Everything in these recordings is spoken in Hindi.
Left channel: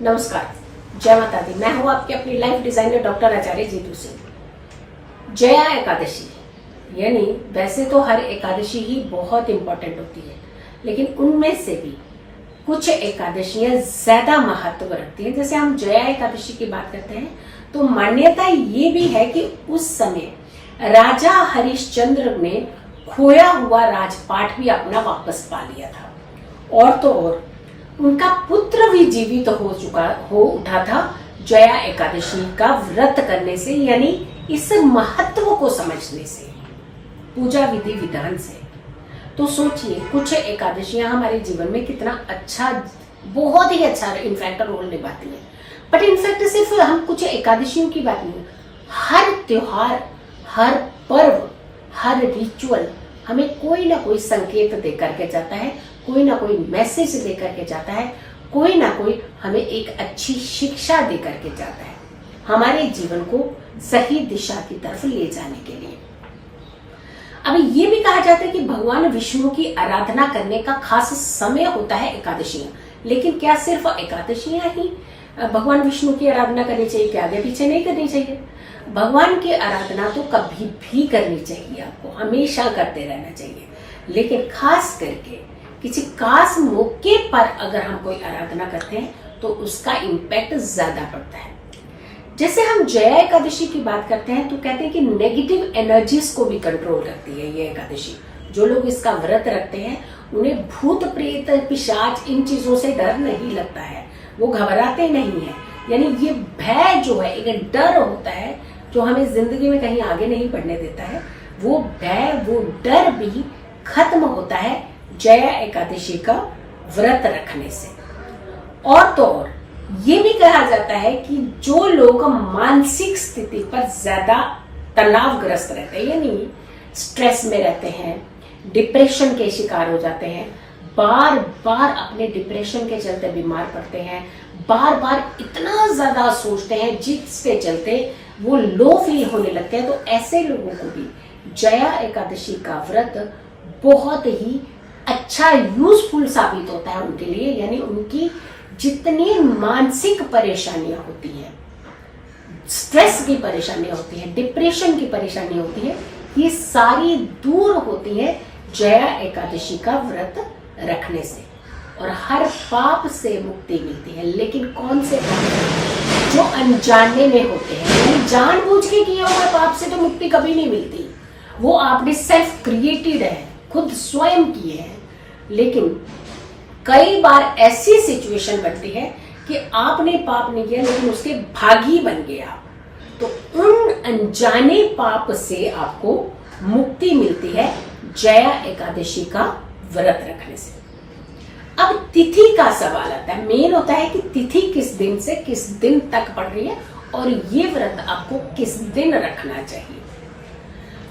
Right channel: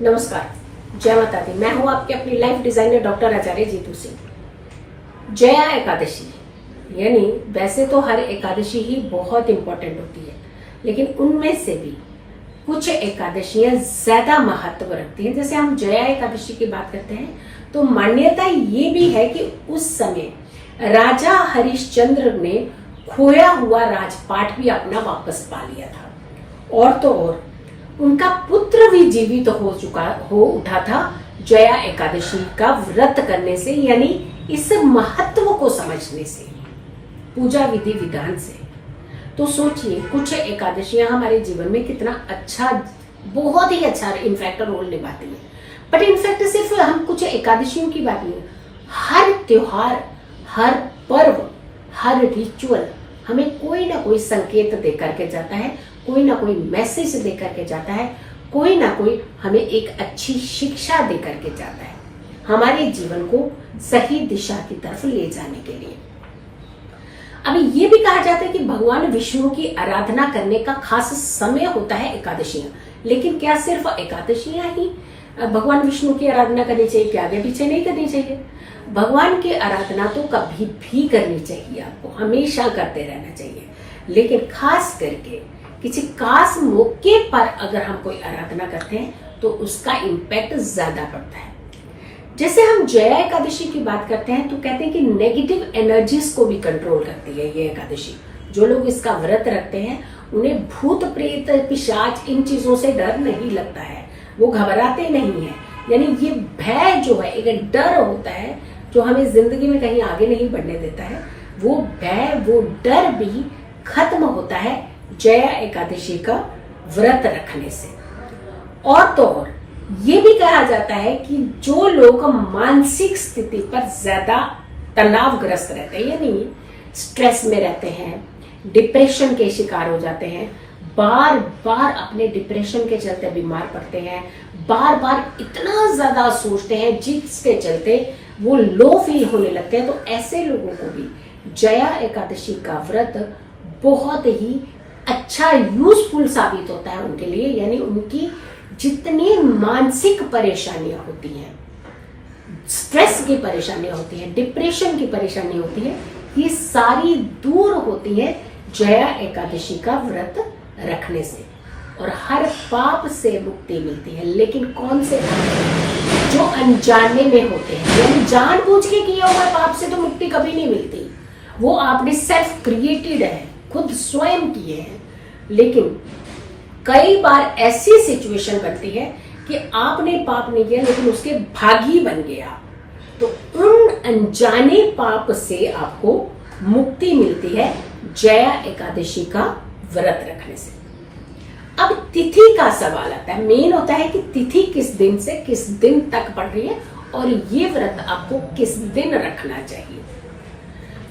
नमस्कार, जय माता दी। मैं हूं आपके अपनी लाइफ डिजाइनर डॉक्टर आचार्य जीतू सिंह। जया एकादशी यानी वैसे तो हर एकादशी ही बहुत इंपॉर्टेंट होती है, लेकिन उनमें से भी कुछ एकादशियां ज्यादा महत्व रखती हैं। जैसे हम जया एकादशी की बात करते हैं तो मान्यता ये भी है कि उस समय राजा हरिश्चंद्र ने खोया हुआ राजपाट भी अपना वापस पा लिया था, और तो और उनका पुत्र भी जीवित हो उठा था जया एकादशी का व्रत करने से, यानी इस महत्व को समझने से, पूजा विधि विधान से। तो सोचिए, कुछ एकादशियां हमारे जीवन में कितना अच्छा, बहुत ही अच्छा इनफैक्ट रोल निभाती है। बट इनफैक्ट सिर्फ हम कुछ एकादशियों की बात नहीं, हर त्योहार, हर पर्व, हर रिचुअल हमें कोई ना कोई संकेत दे करके जाता है, कोई ना कोई मैसेज दे करके जाता है, कोई ना कोई हमें एक अच्छी शिक्षा दे करके जाता है, हमारे जीवन को सही दिशा की तरफ ले जाने के लिए। अभी ये भी कहा जाता है कि भगवान विष्णु की आराधना करने का खास समय होता है एकादशियां। लेकिन क्या सिर्फ एकादशियां ही भगवान विष्णु की आराधना करनी चाहिए? क्या आगे पीछे नहीं करनी चाहिए? भगवान की आराधना तो कभी भी करनी चाहिए, आपको हमेशा करते रहना चाहिए। लेकिन खास करके किसी खास मौके पर अगर हम कोई आराधना करते हैं तो उसका इम्पैक्ट ज्यादा पड़ता है। जैसे हम जया एकादशी की बात करते हैं तो कहते हैं कि नेगेटिव एनर्जीज को भी कंट्रोल करती है ये एकादशी। जो लोग इसका व्रत रखते हैं उन्हें भूत प्रेत पिशाच इन चीजों से डर नहीं लगता है, वो घबराते नहीं है। यानी ये भय जो है, एक डर होता है जो हमें जिंदगी में कहीं आगे नहीं बढ़ने देता है, वो भय, वो डर भी खत्म होता है जया एकादशी का व्रत रखने से। और तो और ये भी कहा जाता है कि जो लोग मानसिक स्थिति पर ज्यादा तनावग्रस्त रहते हैं, यानी स्ट्रेस में रहते हैं, डिप्रेशन के शिकार हो जाते हैं, बार बार अपने डिप्रेशन के चलते बीमार पड़ते हैं, बार बार इतना ज्यादा सोचते हैं जिसके चलते वो लो फील होने लगते हैं, तो ऐसे लोगों को भी जया एकादशी का व्रत बहुत ही अच्छा यूजफुल साबित होता है उनके लिए। यानी उनकी जितनी मानसिक परेशानियां होती हैं, स्ट्रेस की परेशानियां होती है, डिप्रेशन की परेशानी होती है, ये सारी दूर होती है जया एकादशी का व्रत रखने से, और हर पाप से मुक्ति मिलती है। लेकिन कौन से पाप? जो अनजाने में होते हैं, यानी जानबूझ के किए हुए पाप से तो मुक्ति कभी नहीं मिलती, वो आपने सेल्फ क्रिएटेड है, खुद स्वयं किए हैं। लेकिन कई बार ऐसी सिचुएशन बनती है कि आपने पाप नहीं किया लेकिन उसके भागी बन गया, तो उन अनजाने पाप से आपको मुक्ति मिलती है जया एकादशी का व्रत रखने से। अब तिथि का सवाल आता है, मेन होता है कि तिथि किस दिन से किस दिन तक पड़ रही है और ये व्रत आपको किस दिन रखना चाहिए।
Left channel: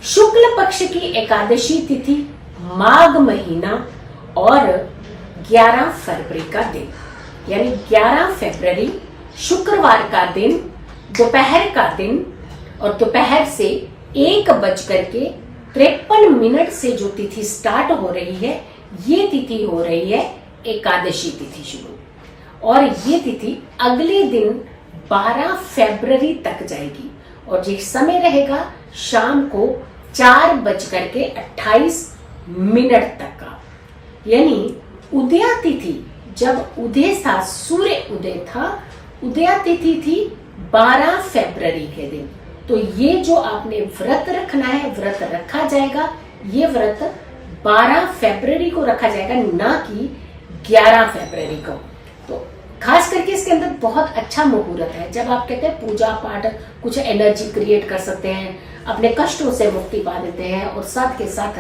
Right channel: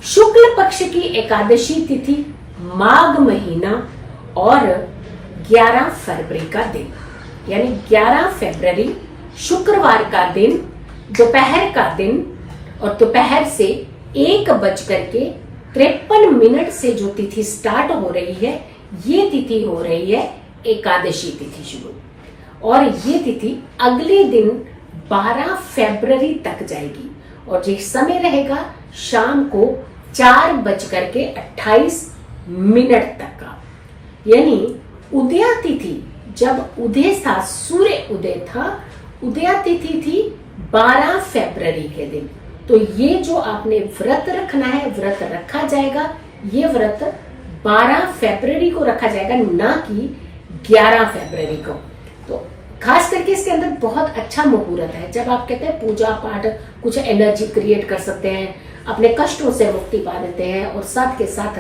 शुक्ल पक्ष की एकादशी तिथि माघ महीना और 11 फरवरी का दिन, यानी 11 फरवरी शुक्रवार का दिन, दोपहर का दिन, और दोपहर से 1:53 से जो तिथि स्टार्ट हो रही है, ये तिथि हो रही है एकादशी तिथि शुरू, और ये तिथि अगले दिन 12 फरवरी तक जाएगी, और जो समय रहेगा शाम को 4:28 तक का। यानी उदया तिथि, जब उदय था, सूर्य उदय था, उदया तिथि थी 12 फरवरी के दिन। तो ये जो आपने व्रत रखना है, व्रत रखा जाएगा, ये व्रत 12 फरवरी को रखा जाएगा, ना कि 11 फरवरी को। तो खास करके इसके अंदर बहुत अच्छा मुहूर्त है, जब आप कहते हैं पूजा पाठ, कुछ एनर्जी क्रिएट कर सकते हैं, अपने कष्टों से मुक्ति पा देते हैं, और साथ के साथ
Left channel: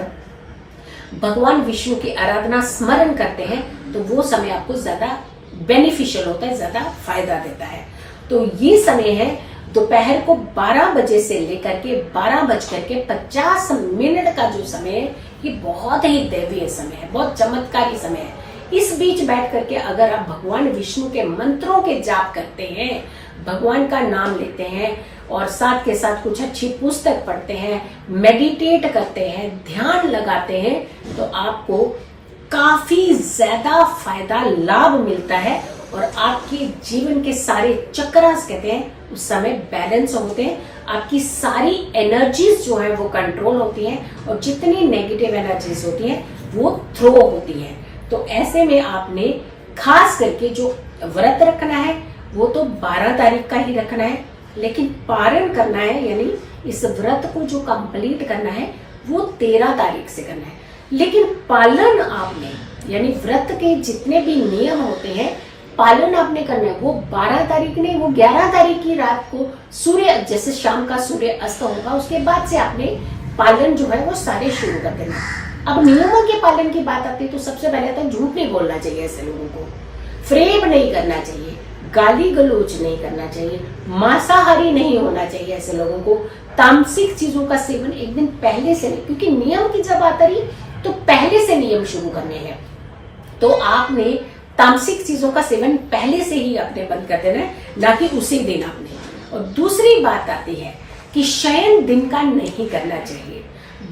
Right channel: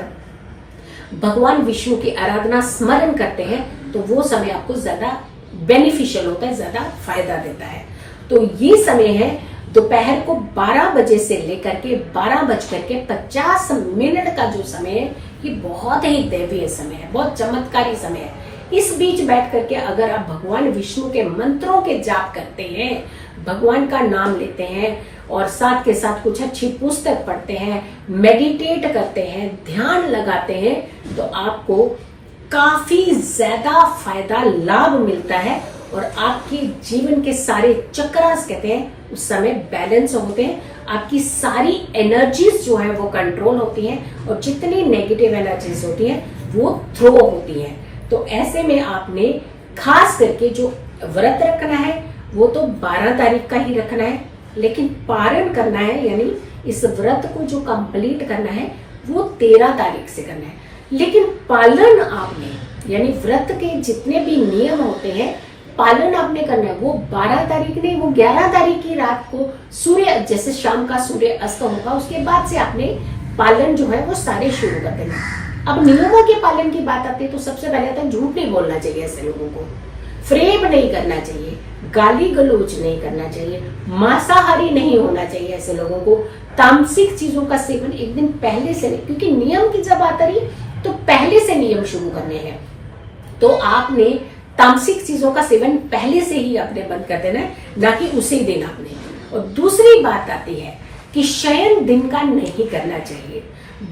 भगवान विष्णु की आराधना स्मरण करते हैं, तो वो समय आपको ज्यादा बेनिफिशियल होता है, ज्यादा फायदा देता है। तो ये समय है दोपहर को 12 बजे से लेकर के 12:50 का जो समय है, ये बहुत ही दैवीय समय है, बहुत चमत्कारी समय है। इस बीच बैठ करके अगर आप भगवान विष्णु के मंत्रों के जाप करते हैं, भगवान का नाम लेते हैं, और साथ के साथ कुछ अच्छी पुस्तक पढ़ते हैं, मेडिटेट करते हैं, ध्यान लगाते हैं, तो आपको काफी ज्यादा फायदा लाभ मिलता है और आपके जीवन के सारे चक्रास कहते हैं उस समय बैलेंस होते हैं। आपकी सारी एनर्जीज जो है वो कंट्रोल होती हैं और जितनी नेगेटिव एनर्जीज होती हैं वो थ्रो होती हैं। तो ऐसे में आपने खास करके जो व्रत रखना है वो तो 12 तारीख का ही रखना है, लेकिन पारण करना है यानी इस व्रत को जो कंप्लीट करना है वो 13 तारीख से करना है। लेकिन पालन आपने यानी व्रत के जितने भी नियम होते हैं पालन आपने करना है वो 12 तारीख नहीं, वो 11 तारीख की रात को सूर्य जैसे शाम का सूर्य अस्त होगा उसके बाद से आपने पालन जो है वो सारे शुरू कर देना। अब नियमों के पालन की बात आती है तो सबसे पहले तो झूठ नहीं बोलना चाहिए, ऐसे लोगों को फ्रेब नहीं करना चाहिए, गाली गलौज नहीं करना चाहिए, मांसाहारी नहीं होना चाहिए, ऐसे लोगों को तामसिक चीजों का सेवन एक दिन पहले से नहीं, क्योंकि नियम की जब आता रही तो पहले से नियम शुरू करने हैं। तो आपने तामसिक चीजों का सेवन पहले से ही आपने बंद कर देना है, ना कि उसी दिन आपने। और दूसरी बात आती है कि शयन दिन का नहीं करना चाहिए,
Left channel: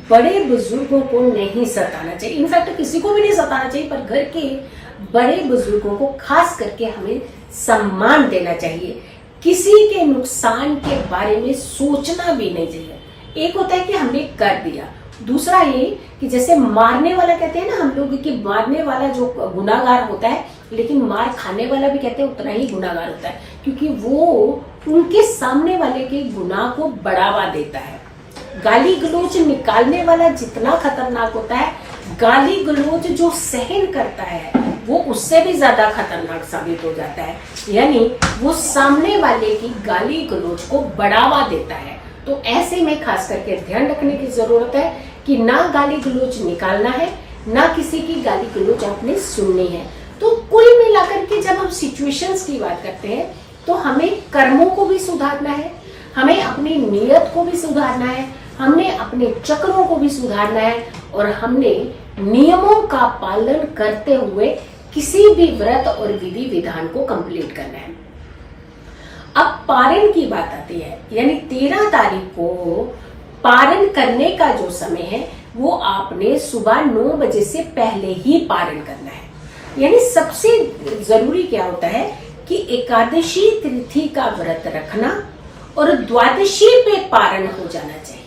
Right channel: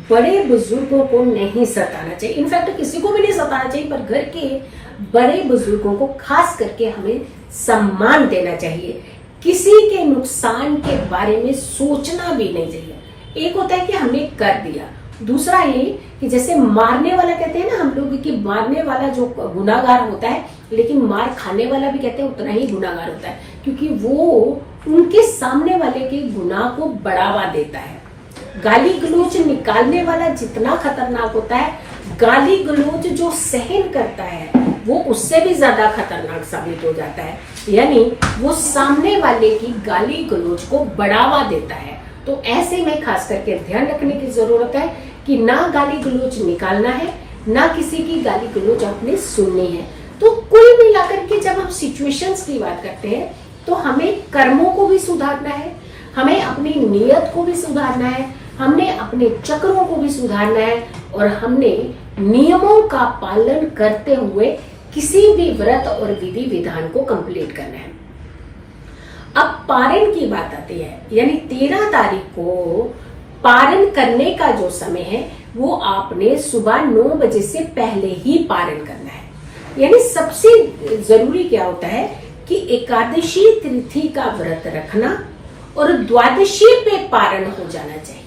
बड़े बुजुर्गों को नहीं सताना चाहिए, इनफैक्ट किसी को भी नहीं सताना चाहिए, पर घर के बड़े बुजुर्गों को खास करके हमें सम्मान देना चाहिए। किसी के नुकसान के बारे में सोचना भी नहीं चाहिए। एक होता है कि हमने कर दिया, दूसरा ये कि जैसे मारने वाला कहते हैं ना हम लोग कि मारने वाला जो गुनाहगार होता है, लेकिन मार खाने वाला भी कहते हैं उतना ही गुनाहगार होता है, क्योंकि वो उनके सामने वाले के गुनाह को बढ़ावा देता है। गाली गलौज निकालने वाला जितना खतरनाक होता है, गाली गलौज जो सहन करता है वो उससे भी ज्यादा खतरनाक साबित हो जाता है, यानी वो सामने वाले की गाली गलौज को बढ़ावा देता है। तो ऐसे में खास करके ध्यान रखने की जरूरत है कि ना गाली गलौज निकालना है, ना किसी की गाली गलौज आपने सुननी है। तो कुल मिलाकर के जब हम सिचुएशंस की बात करते हैं तो हमें कर्मों को भी सुधारना है, हमें अपनी नियत को भी सुधारना है, हमने अपने चक्रों को भी सुधारना है और हमने नियमों का पालन करते हुए किसी भी व्रत और विधि विधान को कंप्लीट करना है। अब पारण की बात आती है, यानी 13 तारीख को पारण करने का जो समय है वो आपने सुबह 9 बजे से पहले ही पारण करना है। यानी सबसे जरूरी क्या होता है कि एकादशी तिथि का व्रत रखना और द्वादशी पे पारण हो जाना चाहिए।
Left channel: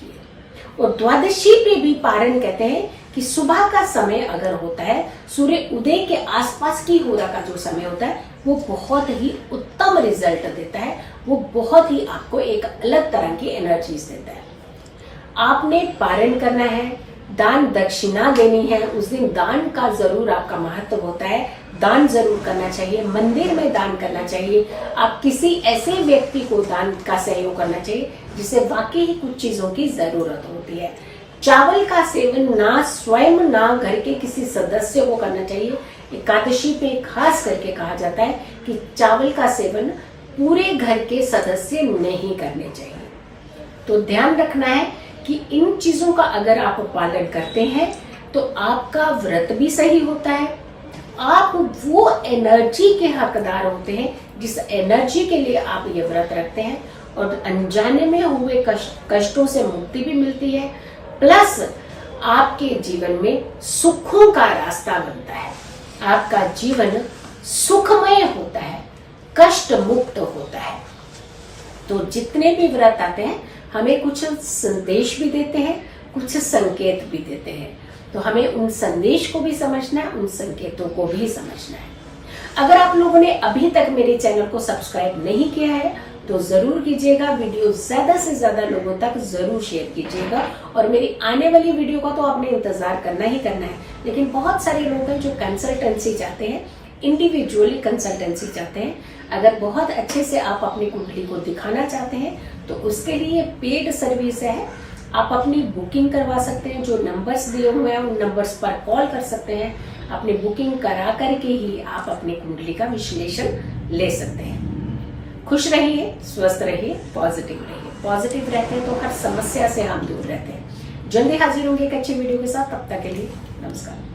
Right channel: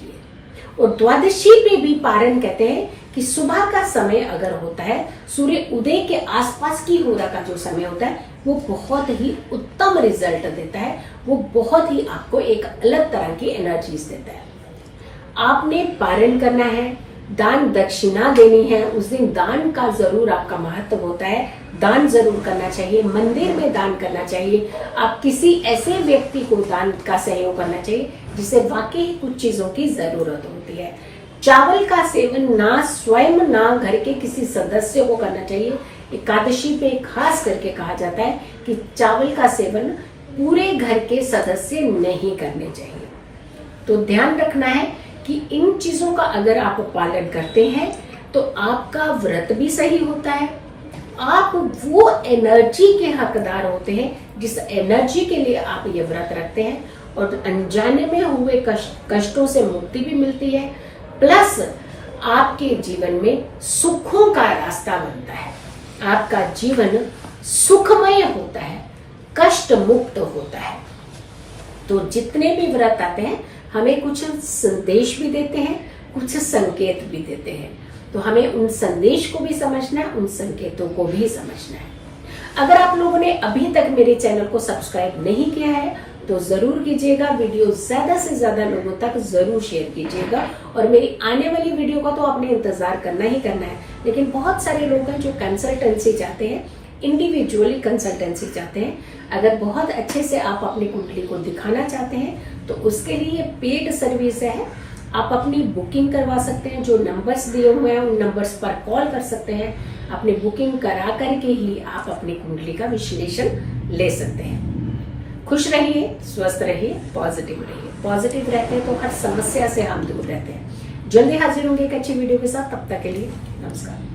और द्वादशी पे भी पारण कहते हैं कि सुबह का समय अगर होता है, सूर्य उदय के आसपास की होरा का जो समय होता है वो बहुत ही उत्तम रिजल्ट देता है, वो बहुत ही आपको एक अलग तरह की एनर्जीज देता है। आपने पारण करना है, दान दक्षिणा देनी है, उस दिन दान का जरूर आपका महत्व होता है, दान जरूर करना चाहिए, मंदिर में दान करना चाहिए, आप किसी ऐसे व्यक्ति को दान का सहयोग करना चाहिए जिसे वाकई ही कुछ चीजों की जरूरत होती है। चावल का सेवन ना स्वयं ना घर के किसी सदस्य को करना चाहिए। एकादशी पे खास करके कहा जाता है कि चावल का सेवन पूरे घर के सदस्य नहीं करने चाहिए। तो ध्यान रखना है कि इन चीजों का अगर आप पालन करते हैं तो आपका व्रत भी सही होता है, आप वो एनर्जी के हकदार होते हैं जिस एनर्जी के लिए आप ये व्रत रखते हैं, और अनजाने में हुए कष्टों से मुक्ति भी मिलती है, प्लस आपके जीवन में सुखों का रास्ता बनता है, आपका जीवन सुखमय होता है, कष्ट मुक्त होता है। तो जितने भी व्रत आते हैं हमें कुछ संदेश भी देते हैं, कुछ संकेत भी देते हैं, तो हमें उन संदेश को भी समझना है, उन संकेतों को भी समझना है। अगर आप लोगों ने अभी तक मेरे चैनल को सब्सक्राइब नहीं किया है तो जरूर कीजिएगा, वीडियो ज्यादा से ज्यादा लोगों तक जरूर शेयर कीजिएगा, और मेरी आने वाली वीडियो का तो आपने इंतजार करना ही करना है। लेकिन बहुत सारे लोग हैं जो कंसल्टेंसी चाहते हैं, इंडिविजुअली कंसल्टेंसी चाहते हैं। अगर बहुत अच्छे से आप अपनी कुंडली को दिखाना चाहते हैं तो उसके लिए पेड सर्विस है, आप अपनी बुकिंग करवा सकते हैं, जो नंबर्स दिए हुए हैं उन नंबर्स पर कॉल कर सकते हैं, अपनी बुकिंग करा करके ही आप अपनी कुंडली का विश्लेषण ले सकते हैं। खुश रहिए, स्वस्थ रहिए, पॉजिटिव रहिए। पॉजिटिव रहते हैं तो हर समस्या से हम दूर रहते हैं। जल्दी हाजिर होंगे एक अच्छी वीडियो के साथ, तब तक के लिए नमस्कार।